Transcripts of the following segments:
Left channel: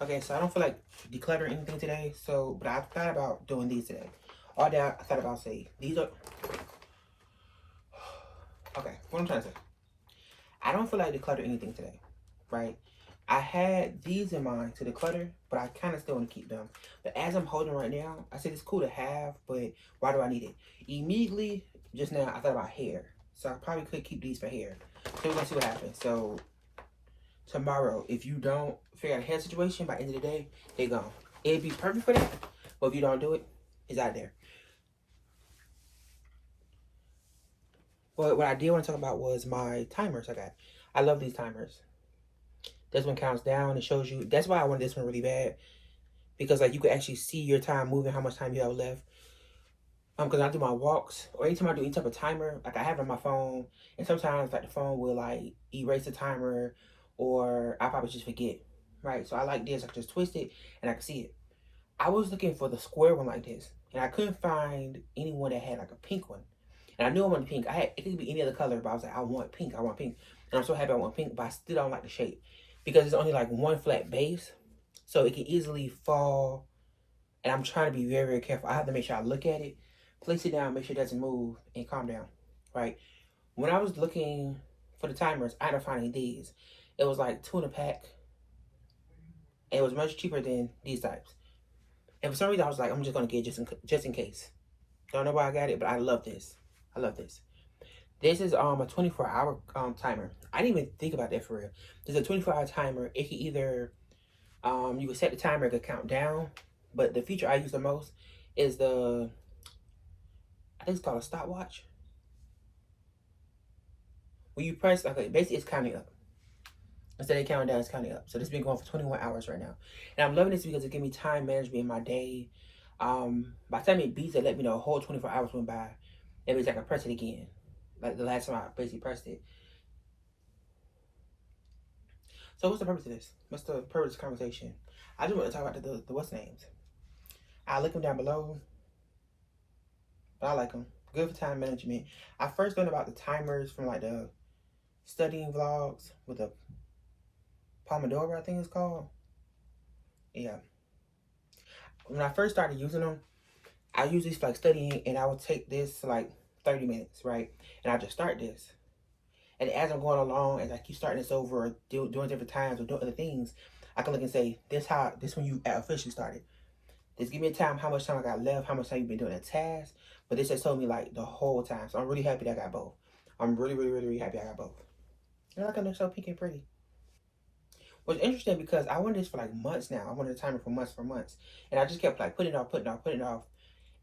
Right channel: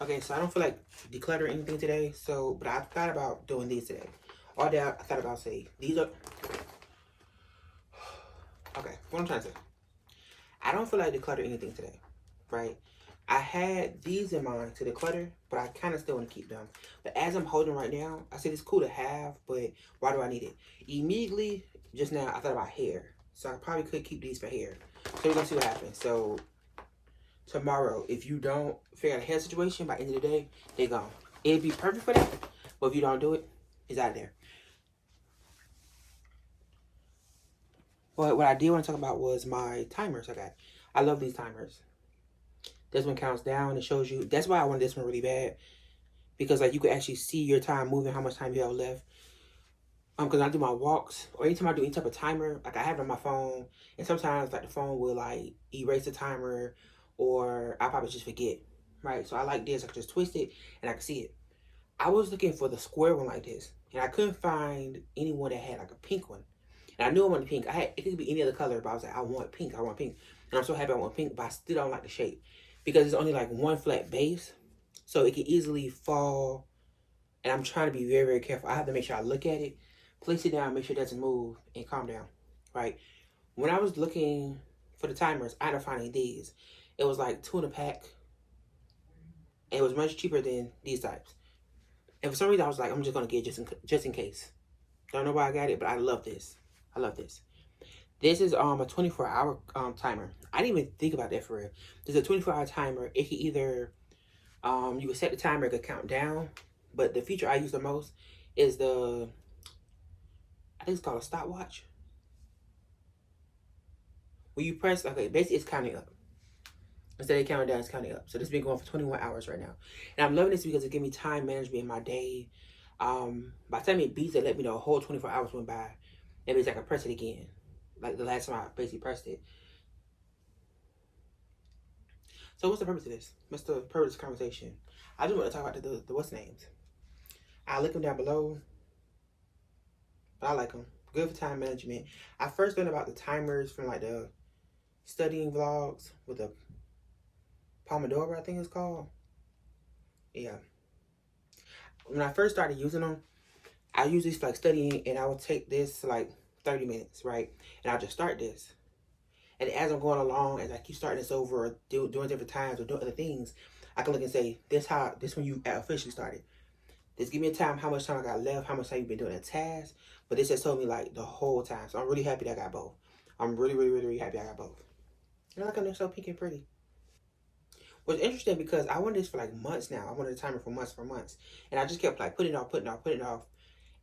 Okay, so I don't feel like decluttering anything today. So, but I thought about doing these today. All day I thought about say these are okay. What I'm trying to say, I don't feel like declutter anything today, right? I had these in mind to declutter, but I kind of still want to keep them. But as I'm holding right now, I said it's cool to have, but why do I need it? Immediately, just now, I thought about hair. So I probably could keep these for hair. So we're gonna see what happens. So tomorrow, if you don't figure out a hair situation by the end of the day, they're gone. It'd be perfect for that, but if you don't do it, it's out there. But what I did want to talk about was my timers I got. I love these timers. This one counts down. It shows you. That's why I want this one really bad. Because like you can actually see your time moving, how much time you have left. Because I do my walks or anytime I do any type of timer, like I have it on my phone, and sometimes like the phone will like erase the timer, or I probably just forget, right? So I like this. I can just twist it and I can see it. I was looking for the square one like this, and I couldn't find anyone that had like a pink one. And I knew I wanted pink. I had it could be any other color, but I was like, I want pink. I want pink, and I'm so happy I want pink. But I still don't like the shape because it's only like one flat base, so it can easily fall. And I'm trying to be very, very careful. I have to make sure I look at it, place it down, make sure it doesn't move, and calm down, right? When I was looking for the timers, I ended up finding these. It was like two in a pack. And it was much cheaper than these types. And for some reason, I was like, I'm just gonna get just in case. Don't know why I got it, but I love this. I love this. This is a 24-hour timer. I didn't even think about that for real. There's a 24-hour timer. It can either you can set the timer, it could count down. But the feature I use the most is I think it's called a stopwatch. When you press, okay, basically it's counting up. Instead of counting down, it's counting up. So this has been going for 21 hours right now. And I'm loving this because it gives me time management in my day. By the time it beats, it let me know a whole 24 hours went by. It means I can press it again. Like the last time I basically pressed it. So what's the purpose of this? What's the purpose of this conversation? I just want to talk about the what's names. I link them down below. But I like them. Good for time management. I first learned about the timers from like the studying vlogs with the Pomodoro, I think it's called. Yeah. When I first started using them, I use this for like studying, and I would take this to like 30 minutes, right? And I just start this. And as I'm going along, as I keep starting this over, or doing different times, or doing other things, I can look and say, this when you officially started. This give me a time, how much time I got left, how much time you've been doing a task. But this just told me like the whole time. So I'm really happy that I got both. I'm really, really, really, really happy I got both. And I like them, they're so pink and pretty. What's interesting because I wanted this for like months now. I wanted a timer for months. And I just kept like putting it off, putting it off, putting it off.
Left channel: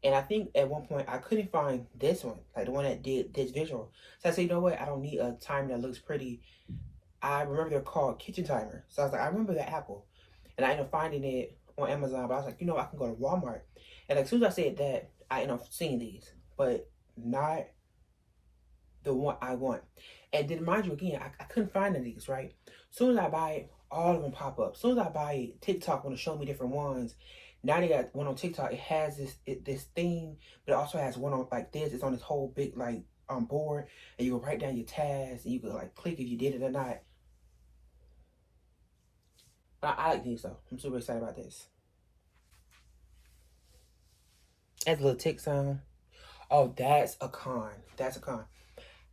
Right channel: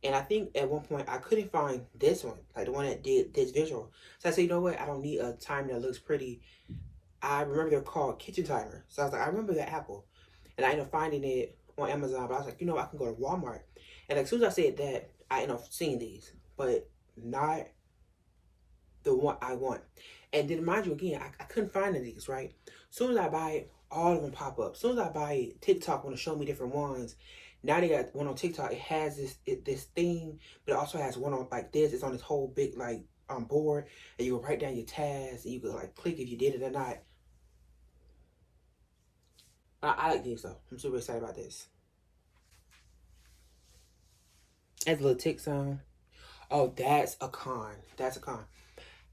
And I think at one point I couldn't find this one, like the one that did this visual. So I said, you know what? I don't need a timer that looks pretty. I remember they're called kitchen timer. So I was like, I remember the Apple. And I ended up finding it on Amazon. But I was like, I can go to Walmart. And like, as soon as I said that, I ended up seeing these. But not the one I want. And then mind you again, I couldn't find any of these, right? As soon as I buy it, all of them pop up. As soon as I buy it, TikTok want to show me different ones. Now they got one on TikTok. It has this theme, but it also has one on like this. It's on this whole big like board, and you can write down your tasks, and you can like click if you did it or not. But I like these though. I'm super excited about this. That's a little tick sound. Oh, that's a con. That's a con.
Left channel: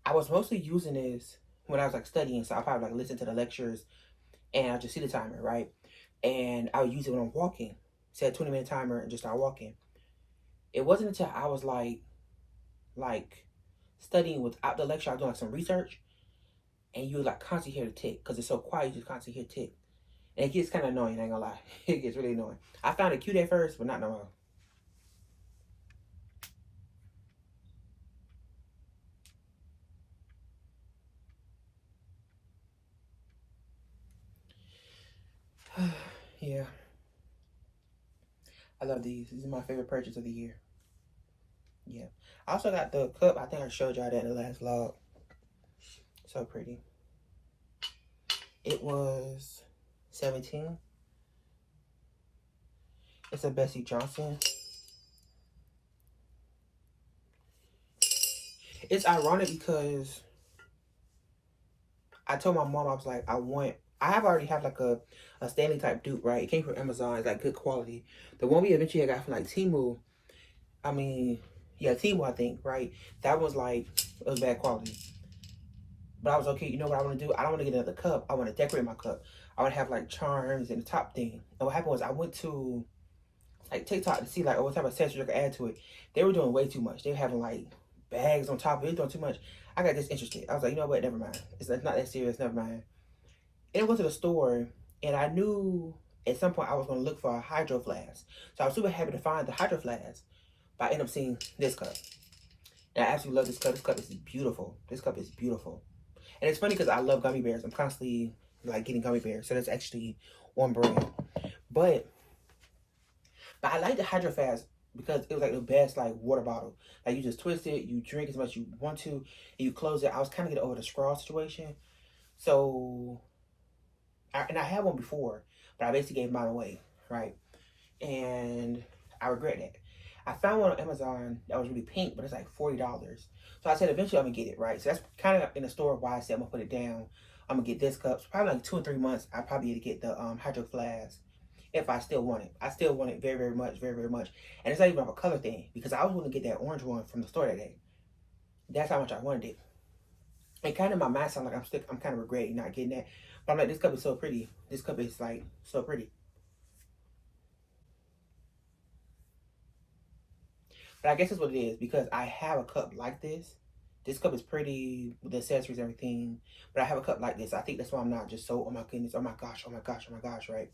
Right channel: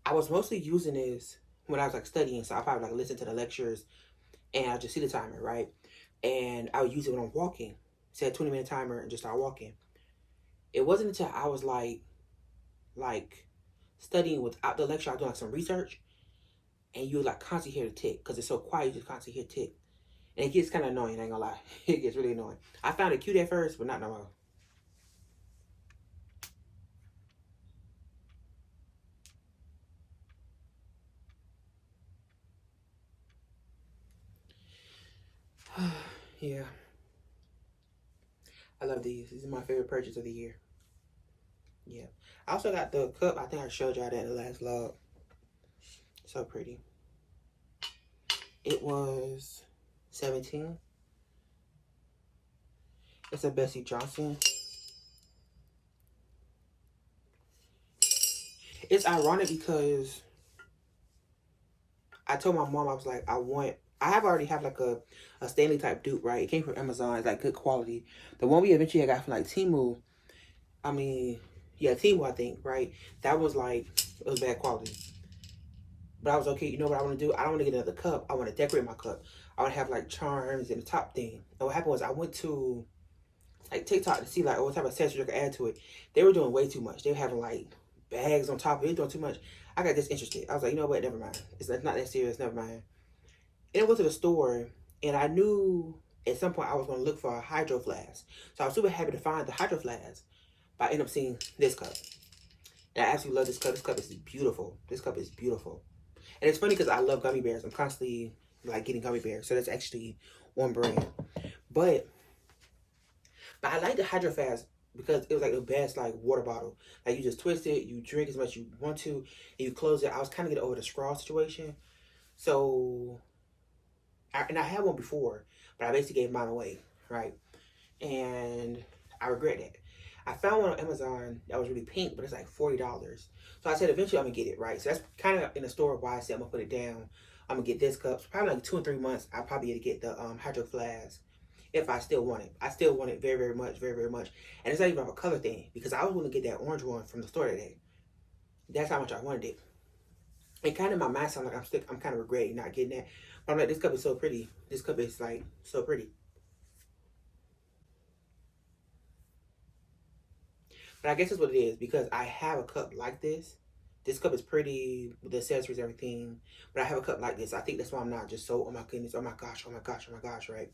I was mostly using this when I was like studying, so I probably like listen to the lectures and I just see the timer, right? And I would use it when I'm walking. Set a 20-minute timer and just start walking. It wasn't until I was like studying without the lecture, I was doing like some research, and you would like constantly hear the tick because it's so quiet. You just constantly hear tick, and it gets kind of annoying. I ain't gonna lie, it gets really annoying. I found it cute at first, but not no more. Yeah, I love these. These are my favorite purchase of the year. Yeah, I also got the cup. I think I showed y'all that in the last vlog. So pretty. It was 17. It's a Bessie Johnson. It's ironic because I told my mom, I was like, I want I have already have like a Stanley type dupe, right? It came from Amazon. It's like good quality. The one we eventually got from like Temu, I mean, yeah, Temu, I think, right? That was like, it was bad quality. But I was okay. You know what I want to do? I don't want to get another cup. I want to decorate my cup. I want to have like charms and the top thing. And what happened was I went to like TikTok to see like what type of accessories I could add to it. They were doing way too much. They were having like bags on top of it. They were doing too much. I got disinterested. I was like, you know what? Never mind. It's not that serious. Never mind. And I went to the store and I knew at some point I was going to look for a hydro flask. So I was super happy to find the hydro flask. But I ended up seeing this cup. And I absolutely love this cup. This cup is beautiful. This cup is beautiful. And it's funny because I love gummy bears. I'm constantly like getting gummy bears. So that's actually on brand. But I like the Hydro Flask because it was like the best like water bottle. Like you just twist it, you drink as much as you want to, and you close it. I was kind of getting over the straw situation. So, and I had one before, but I basically gave mine away, right? And I regret that. I found one on Amazon that was really pink, but it's like $40. So I said eventually I'm gonna get it, right? So that's kind of in the store why I said I'm gonna put it down. I'm gonna get this cup. So probably like 2 or 3 months, I'll probably be able to get the Hydro Flask if I still want it. I still want it very, very much, very, very much. And it's not even a color thing because I was going to get that orange one from the store that day. That's how much I wanted it. And kind of my mind sounds like I'm kind of regretting not getting that. But I'm like, this cup is so pretty. This cup is like so pretty. But I guess that's what it is because I have a cup like this. This cup is pretty with the accessories and everything. But I have a cup like this. I think that's why I'm not just so, oh my goodness, oh my gosh, oh my gosh, oh my gosh, right?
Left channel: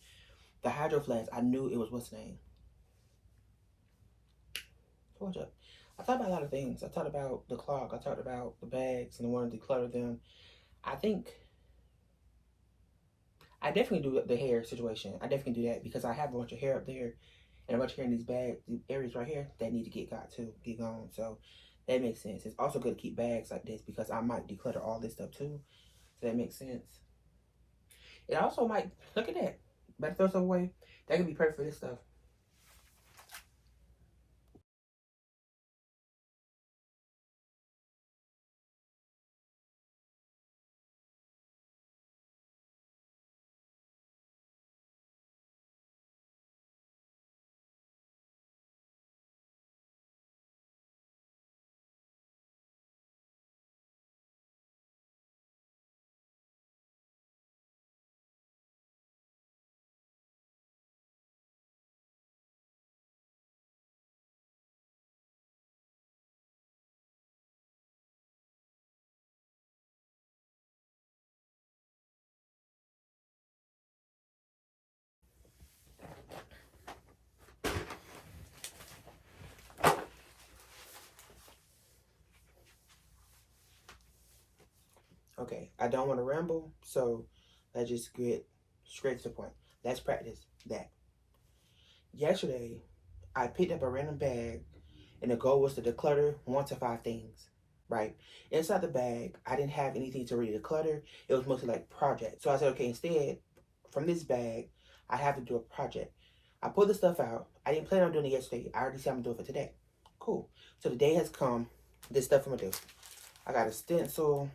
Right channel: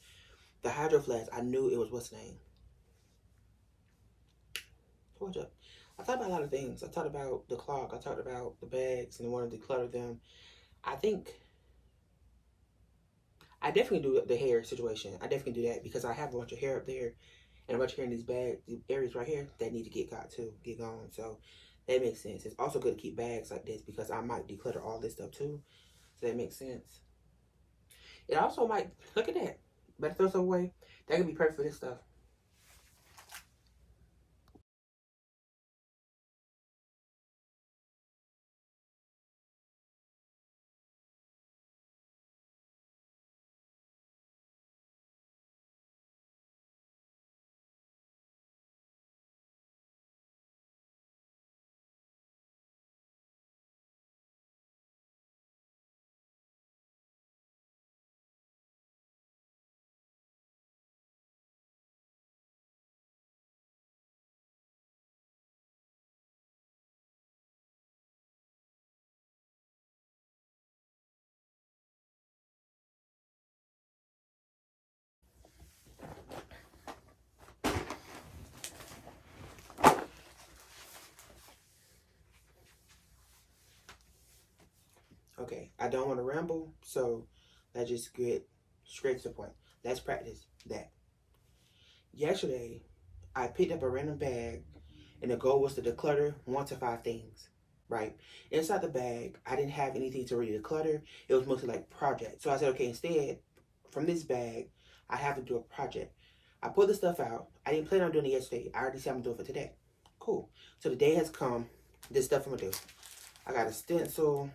The Hydro Flask, I knew it was what's name. Hold up. I thought about a lot of things. I thought about the clock. I talked about the bags and wanting to declutter them. I think I definitely do the hair situation. I definitely do that because I have a bunch of hair up there and a bunch of hair in these bags, these areas right here that need to get gone. So that makes sense. It's also good to keep bags like this because I might declutter all this stuff too. So that makes sense. It also might, look at that. Better throw some away. That could be perfect for this stuff. Okay, I don't want to ramble, so let's just get straight to the point. Let's practice that. Yesterday, I picked up a random bag, and the goal was to declutter 1 to 5 things, right? Inside the bag, I didn't have anything to really declutter. It was mostly like projects. So I said, okay, instead, from this bag, I have to do a project. I pulled the stuff out. I didn't plan on doing it yesterday. I already said I'm doing it for today. Cool. So the day has come. This stuff I'm gonna do. I got a stencil.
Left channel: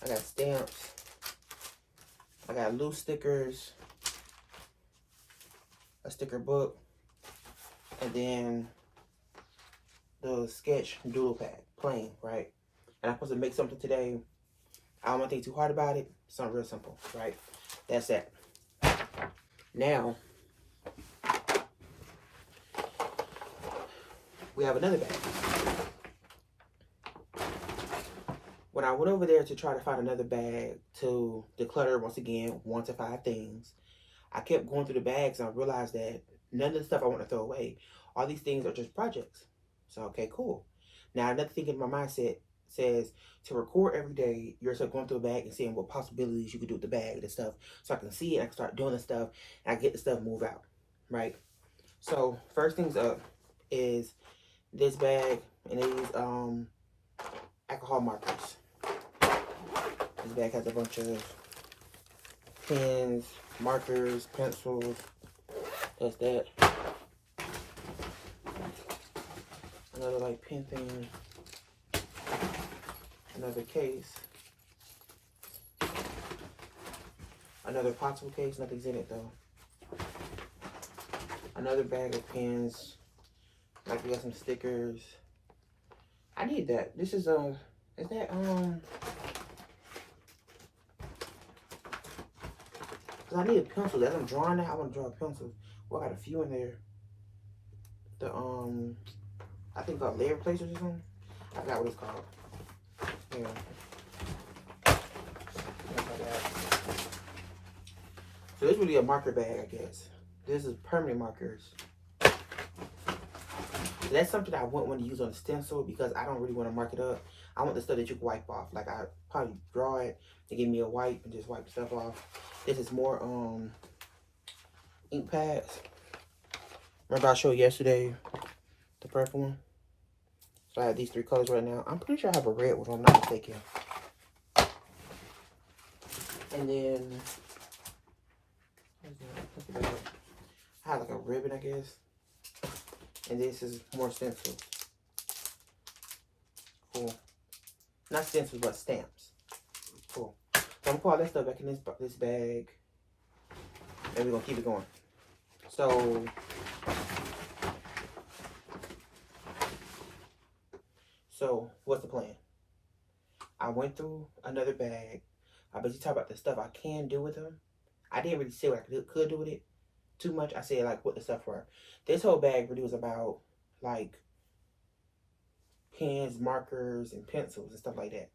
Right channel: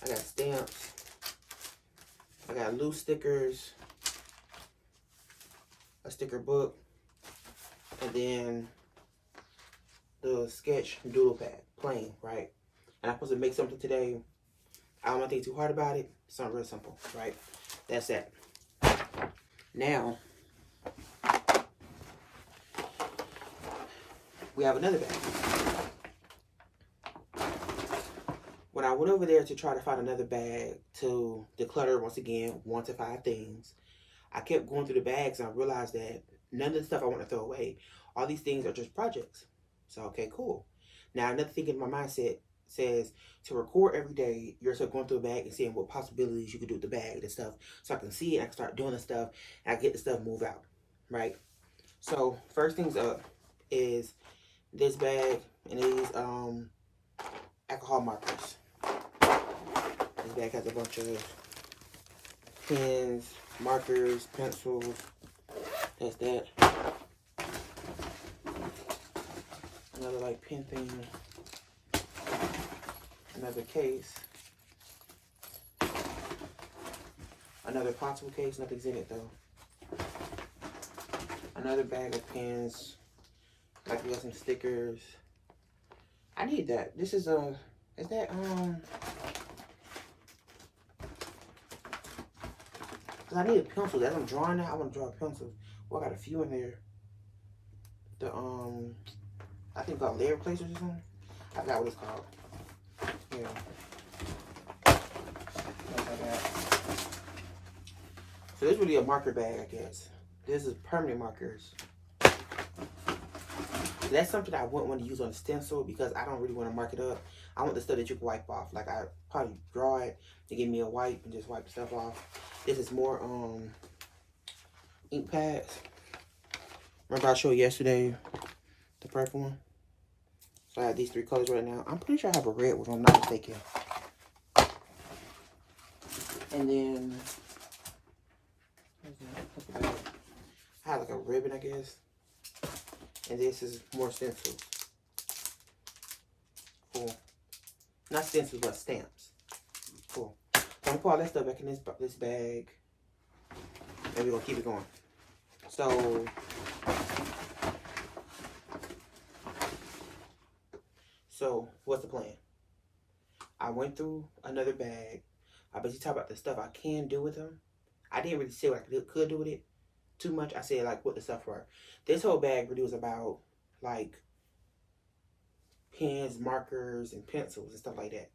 I got stamps. I got loose stickers. A sticker book. And then the sketch doodle pad, plain, right? And I'm supposed to make something today. I don't want to think too hard about it. Something real simple, right? That's that. Now, we have another bag. When I went over there to try to find another bag to declutter, once again, 1 to 5 things, I kept going through the bags and I realized that none of the stuff I want to throw away, all these things are just projects. So, okay, cool. Now, another thing in my mindset says to record every day, you're still going through a bag and seeing what possibilities you could do with the bag and stuff. So I can see it, I can start doing the stuff, and I get the stuff move out, right? So, first things up is this bag and these alcohol markers. This bag has a bunch of pens, markers, pencils. That's that. Another like pen thing. Another case. Another possible case, nothing's in it though. Another bag of pens. Like we got some stickers. I need that. This is is that cause I need a pencil. As I'm drawing that, I want to draw a pencil. Well, I got a few in there. The I think called layer placers or something. I forgot what it's called. Yeah. So this is really a marker bag, I guess. This is permanent markers. That's something I wouldn't want to use on a stencil because I don't really want to mark it up. I want the stuff that you can wipe off. Like I probably draw it, they give me a wipe and just wipe the stuff off. This is more ink pads. Remember I showed yesterday the purple one? So I have these three colors right now. I'm pretty sure I have a red one if I'm not mistaken. And then I have like a ribbon, I guess. And this is more stencils. Cool. Not stencils, but stamps. Cool. So I'm gonna put all that stuff back in this bag. And we're gonna keep it going. So what's the plan? I went through another bag. I basically talked about the stuff I can do with them. I didn't really say what I could do with it too much. I said like what the stuff were. This whole bag really was about like pens, markers, and pencils and stuff like that.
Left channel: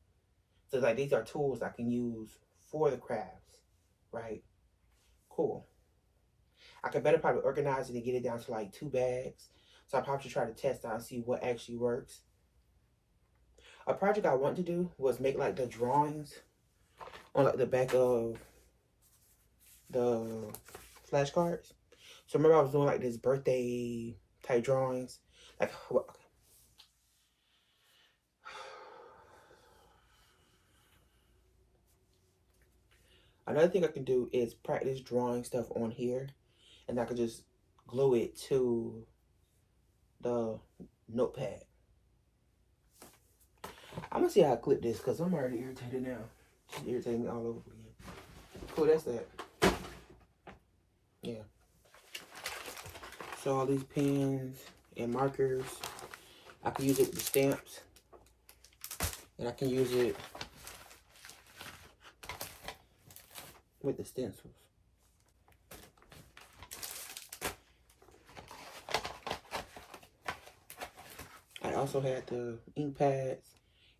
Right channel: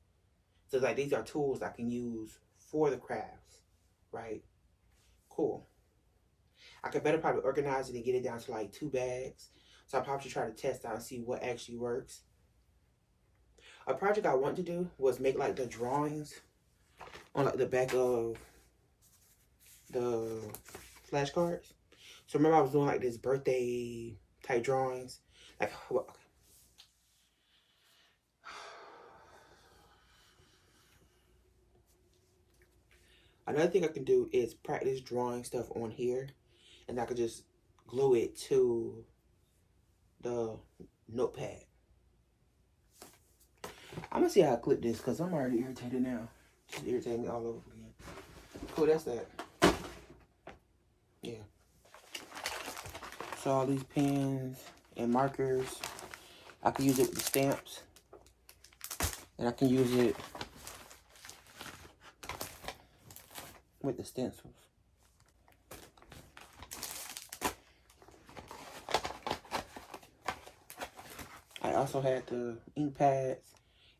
So like these are tools I can use for the crafts, right? Cool. I could better probably organize it and get it down to like 2 bags. So I probably should try to test out and see what actually works. A project I want to do was make like the drawings on like the back of the flashcards. So remember I was doing like this birthday type drawings. Like what? Another thing I can do is practice drawing stuff on here, and I could just glue it to the notepad. I'm gonna see how I clip this because I'm already irritated now. Just irritating me all over again. Cool, that's that. Yeah. So all these pens and markers, I can use it with the stamps, and I can use it with the stencils. I also had the ink pads.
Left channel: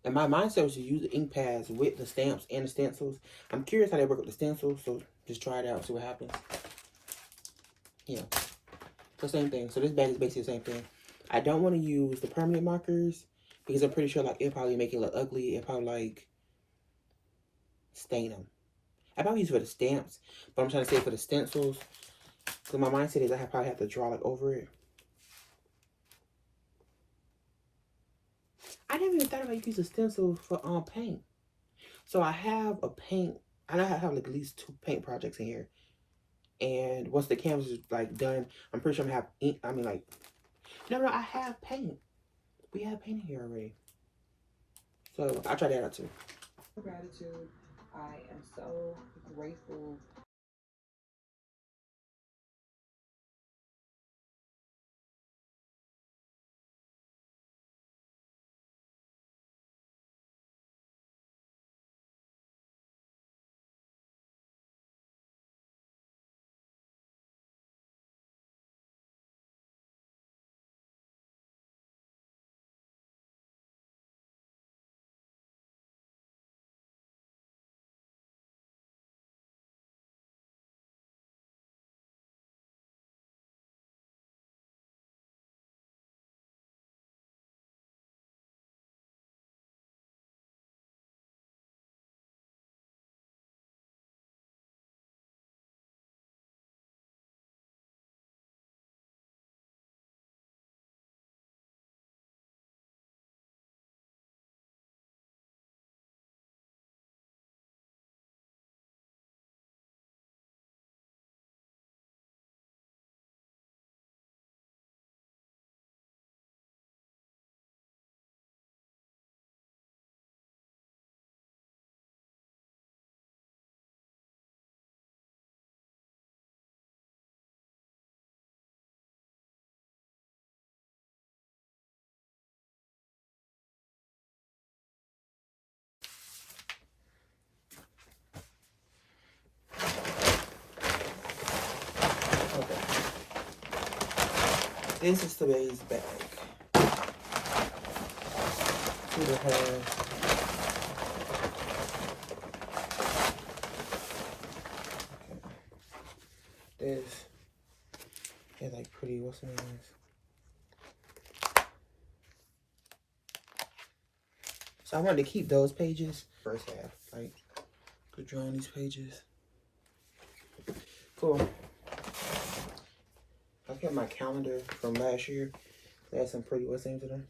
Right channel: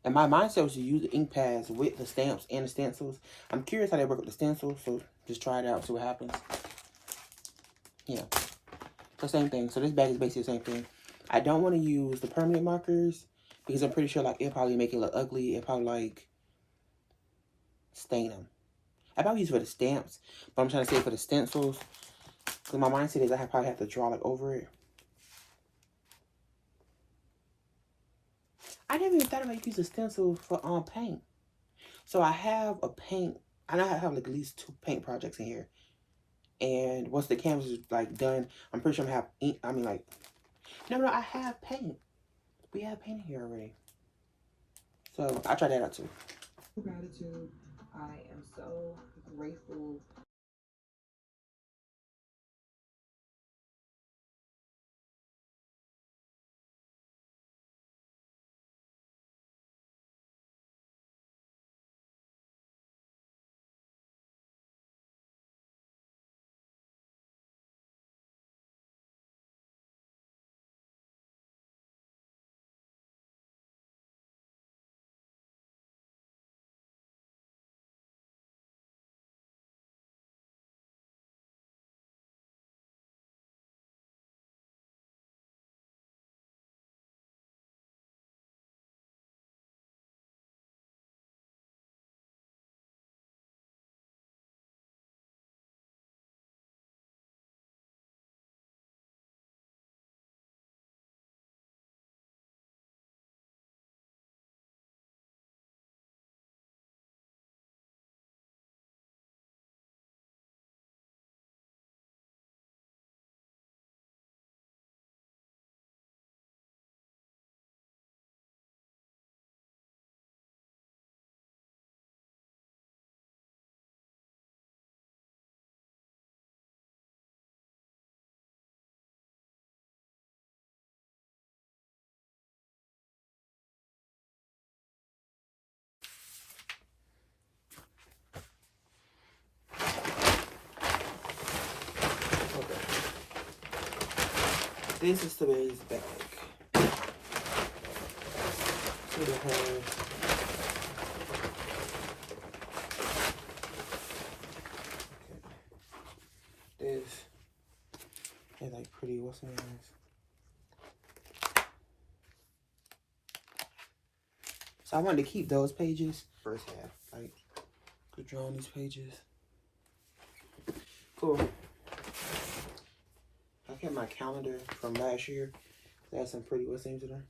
And my mindset was to use the ink pads with the stamps and the stencils. I'm curious how they work with the stencils, so just try it out, see what happens. Yeah. So same thing. So this bag is basically the same thing. I don't want to use the permanent markers because I'm pretty sure like it'll probably make it look ugly. It'll probably like stain them. I probably use it for the stamps, but I'm trying to say for the stencils. Because my mindset is I probably have to draw like over it. I never even thought about using stencils for paint. So I have a paint. I know I have like at least 2 paint projects in here. And once the canvas is like done, I'm pretty sure I'm gonna have ink. I mean like, no, I have paint. We have paint here already. So I try that out too. Gratitude. I am so grateful This is today's bag. See what it has. This is like pretty, what's the name? So I wanted to keep those pages. First half, like, could draw on these pages. Cool. I kept my calendar from last year. They had some pretty, what's the names in there?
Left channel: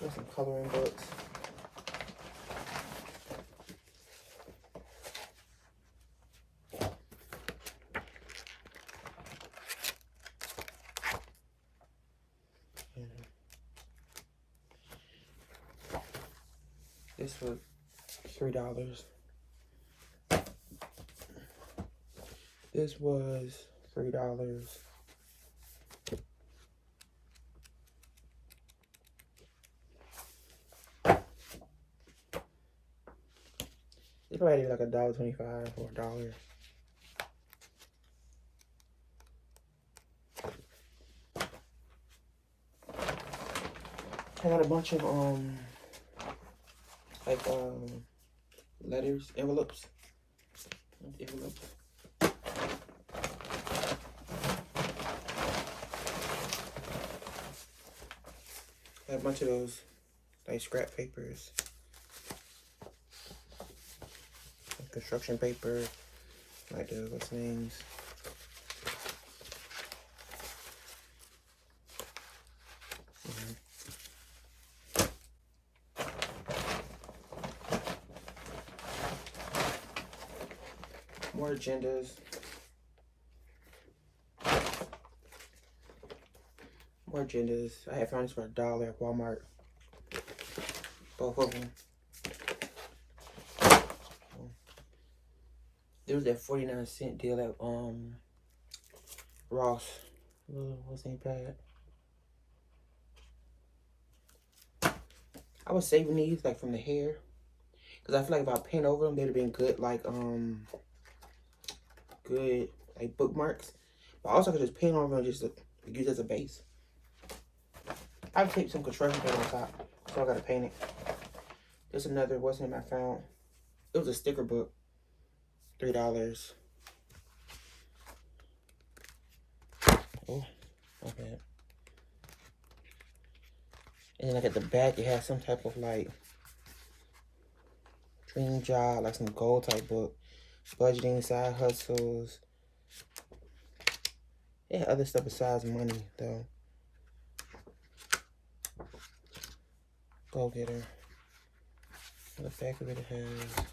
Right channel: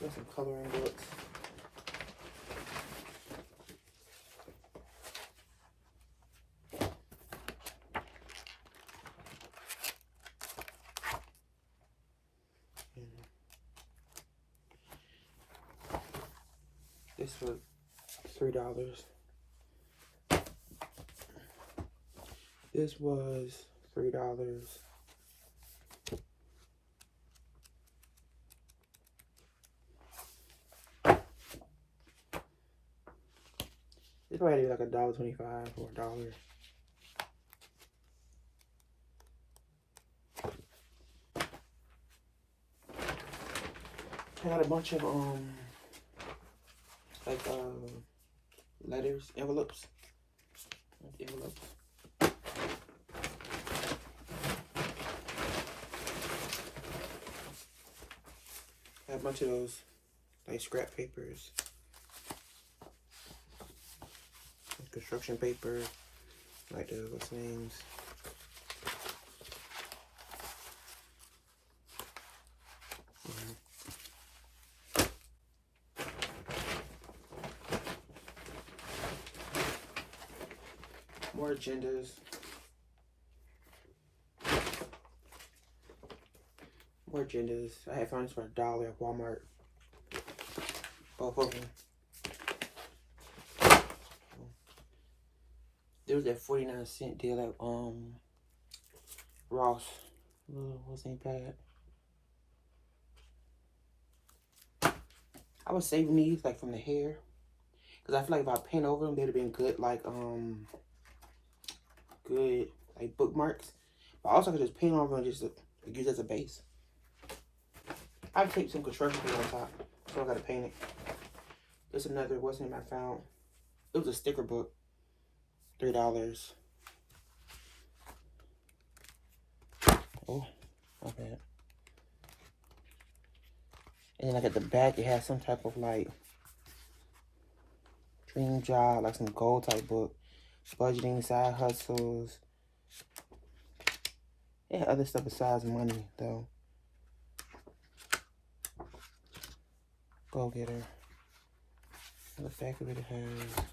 There's some coloring books. This was $3. This was $3. It's probably like $1.25 or $1. I got a bunch of like letters, envelopes. Envelopes. I have a bunch of those like scrap papers. Construction paper, like the what's names. More agendas. More agendas. I had found this for $1 at Walmart. Both of them. There was that 49-cent deal at Ross. Wasn't bad. I was saving these like from the hair, cause I feel like if I paint over them, they'd have been good like good like bookmarks. But also I could just paint over and just use as a base. I've taped some construction paint on top, so I gotta paint it. There's another what's name I found. It was a sticker book. $3. Oh, okay. And like at the back, it has some type of like dream job, like some goal type book, budgeting, side hustles. Yeah, other stuff besides money though. Go Getter. The back of it has.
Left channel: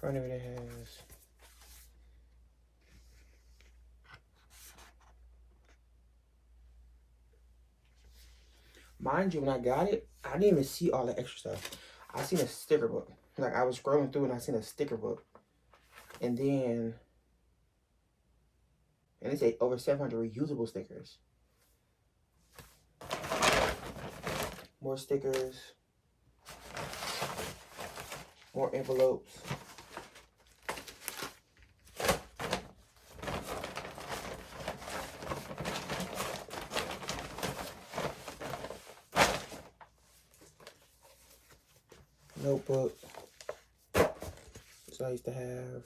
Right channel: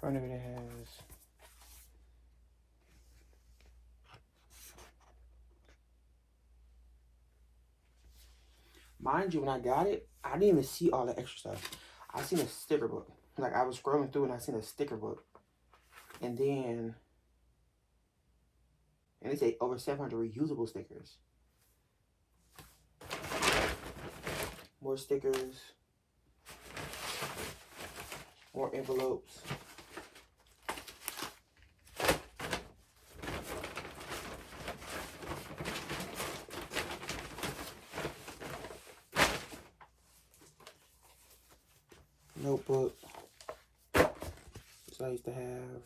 Front of it has. Mind you, when I got it, I didn't even see all the extra stuff. I seen a sticker book. Like I was scrolling through and I seen a sticker book. And then, and they say over 700 reusable stickers. More stickers. More envelopes. Notebook. So I used to have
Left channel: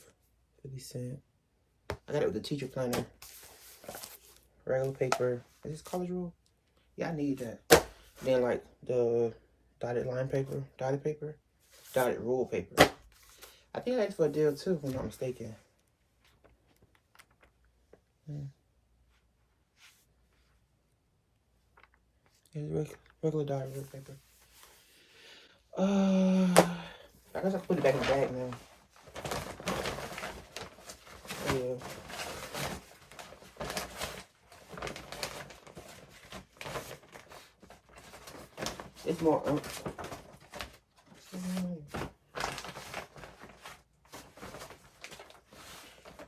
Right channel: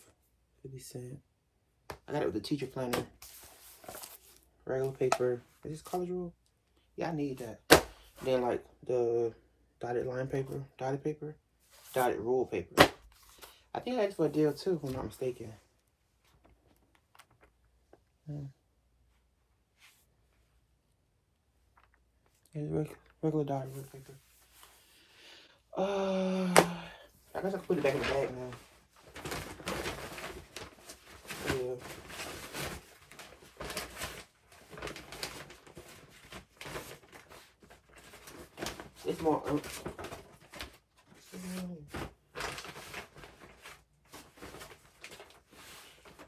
50 cents. I got it with the teacher planner. Regular paper. Is this college rule? Yeah, I need that. Then like the dotted line paper, dotted rule paper. I think I had it for a deal too, if I'm not mistaken. Regular dotted rule paper. I guess I can put it back in the bag now. Yeah. It's more.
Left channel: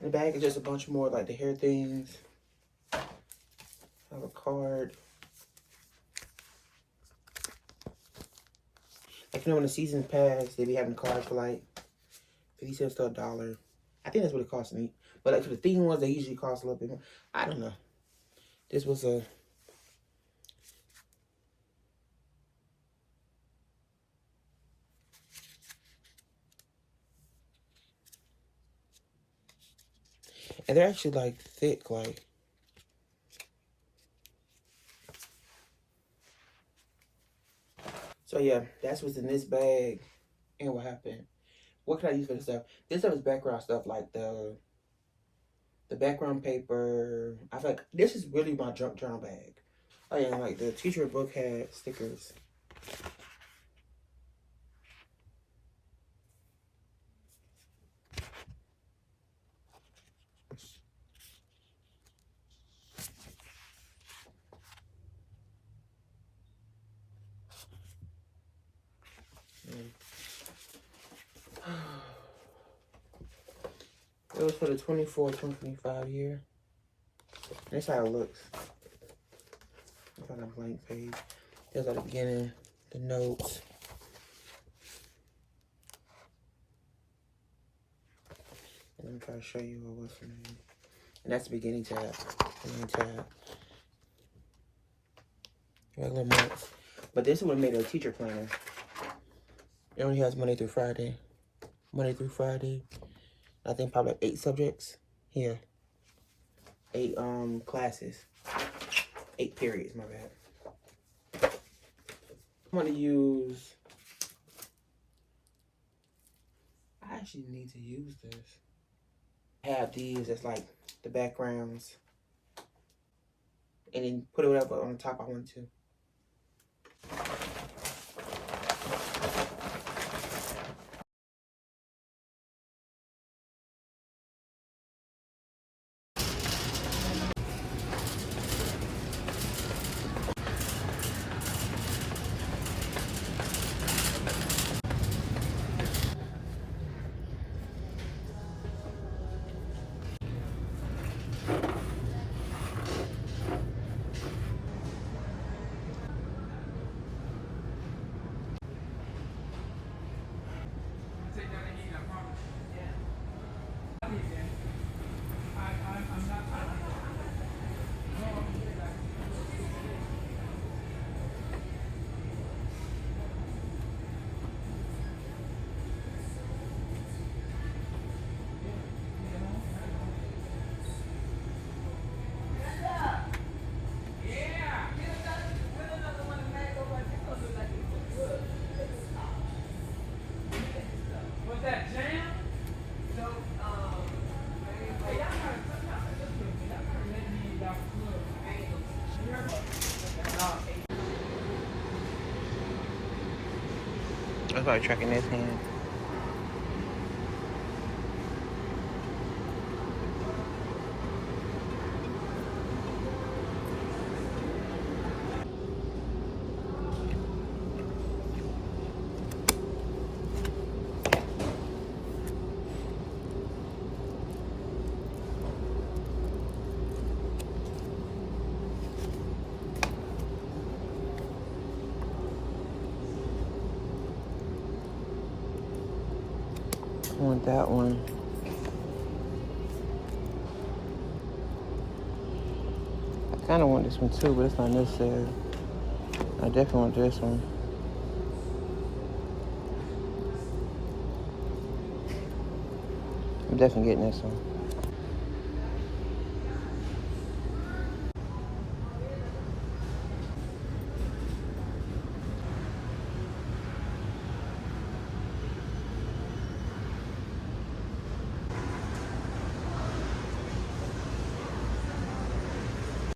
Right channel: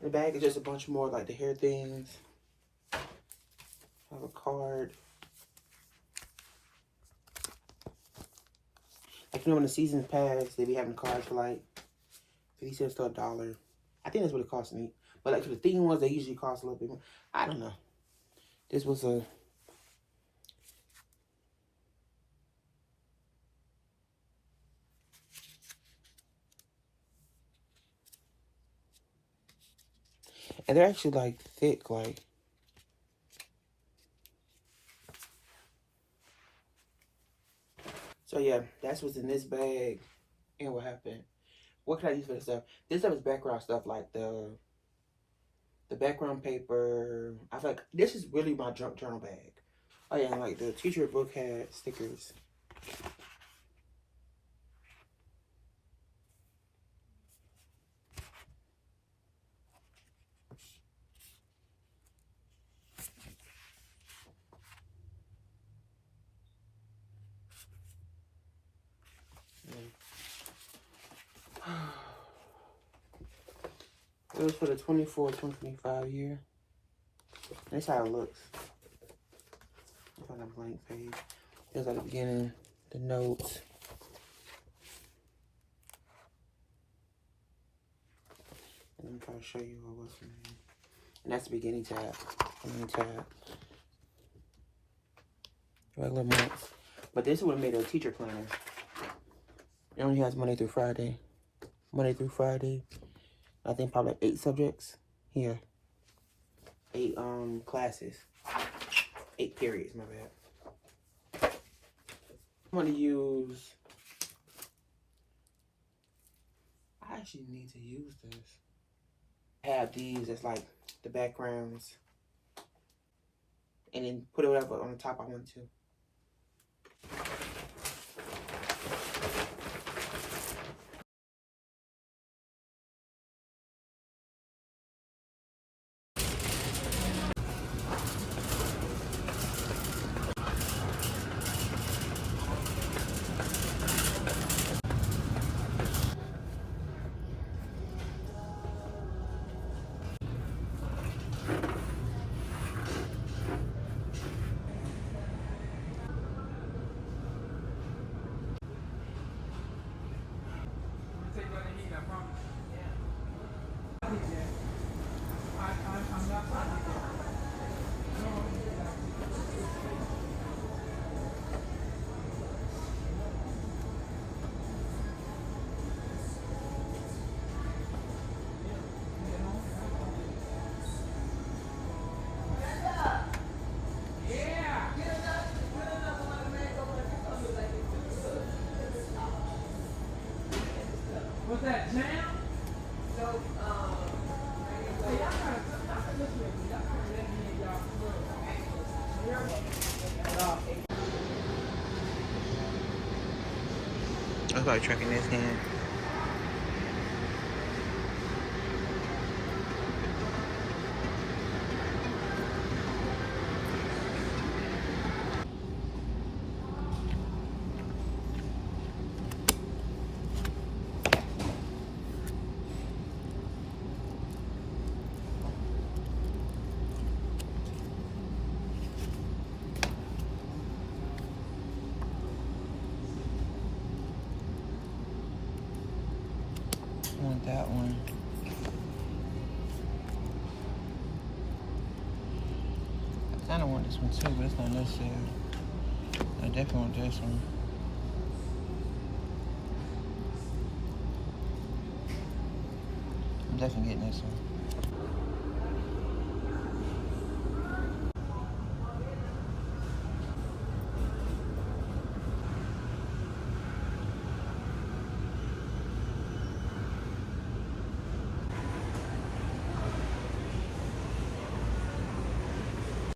The bag is just a bunch more like the hair things. I have a card. Like, you know, when the season's pass, they be having cards for like 50 cents to $1. I think that's what it cost me. But like for the theme ones, they usually cost a little bit more. I don't know. This was a... And they're actually like thick, like... So yeah, that's what's in this bag and what happened. What can I use for this stuff? This stuff is background stuff, like the background paper. I feel like this is really my junk journal bag. Oh yeah, like the teacher book had stickers. It was for the 24-25 year. That's how it looks. It's on a blank page. Here's at the beginning, the notes. And I'm trying to show you what was in there. And that's the beginning tab. Beginning tab. Regular months. But this one made a teacher planner. It only has Monday through Friday. Monday through Friday. I think probably like 8 subjects. Here. 8 classes. 8 periods, my bad. I'm gonna use... I actually need to use this. I have these as like the backgrounds. And then put it whatever on the top I want to. I started tracking this hand. I want that one. I kind of want this one too, but it's not necessary. I definitely want this one. I'm definitely getting this one.